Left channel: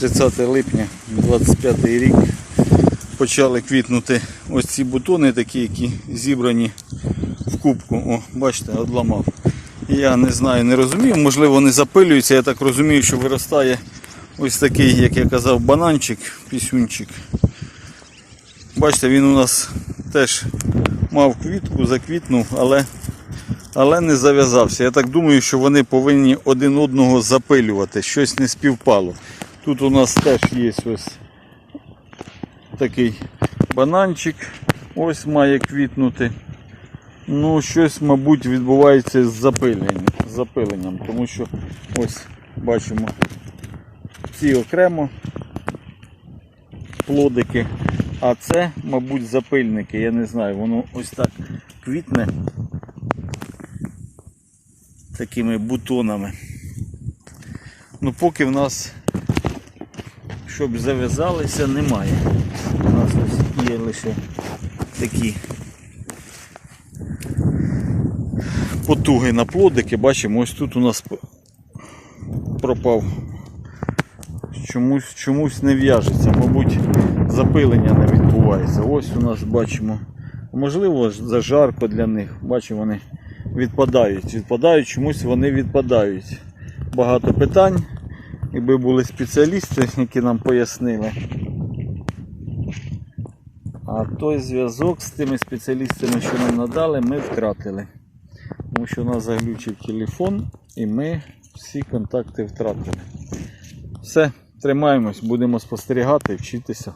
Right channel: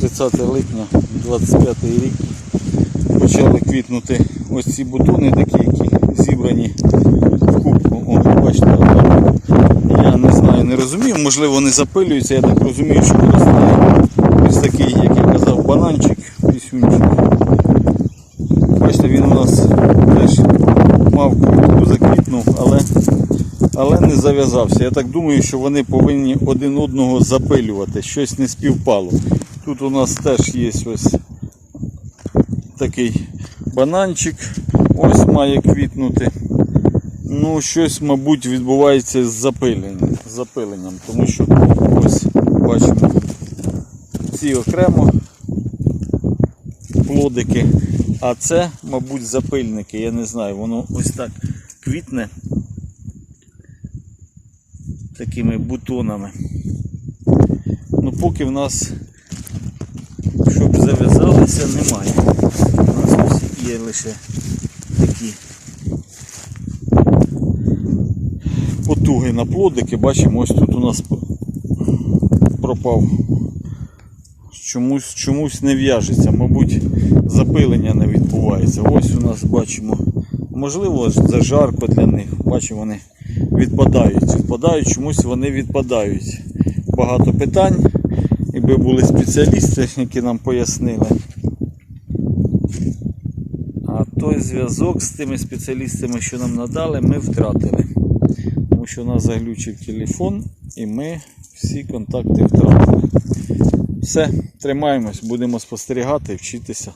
30 липня 25 рік почали квітнути ось ці бутони такі, які зібрані в кубку. О, бачите, там я не знаю, не розумію, можливо, вони запилюються. Я так розумію, що виростає ось такий, як я казав, бананчик, пісюнчик. Бачите, він у нас теж мав квітку, заквітнув, але, але не зав'язався. Я так думаю, що вони повинні один одного запилювати. Щось не співпало. Тут у нас теж є ось такий бананчик. Ось має квітнути. Ну, щось, мабуть, відбувається з запиленням, з запиленням, тому що ось бачимо ці окремо плодики, а це, мабуть, запильники. Я не знаю, воно ось так квітне такими бутонами. Ну, поки в нас, щоб зав'язалися, немає. У нас ось є лише такі потуги на плодики. Бачимо, ось тут у нас пропав. Чомусь, чомусь не в'яжеться, мабуть, запилення не відбувається. Ось у нас бачимо, можливо, зажарко для них. Бачимо, вони відпадають. Відпадають, чомусь вони відпадають. Багато питань. Якби були спеціалісти, які нам пояснили. А той зв'язок з тими спеціалістами, що нам надали, ми втратили. Тому що у нас заглючив телефон і ми всі контакти втратили. Все, тримаємось, будемо спостерігати, вчитися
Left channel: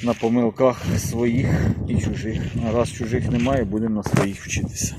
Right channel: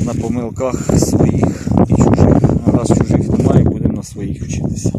на помилках своїх і чужих. А раз чужих немає, будемо на своїх вчитися.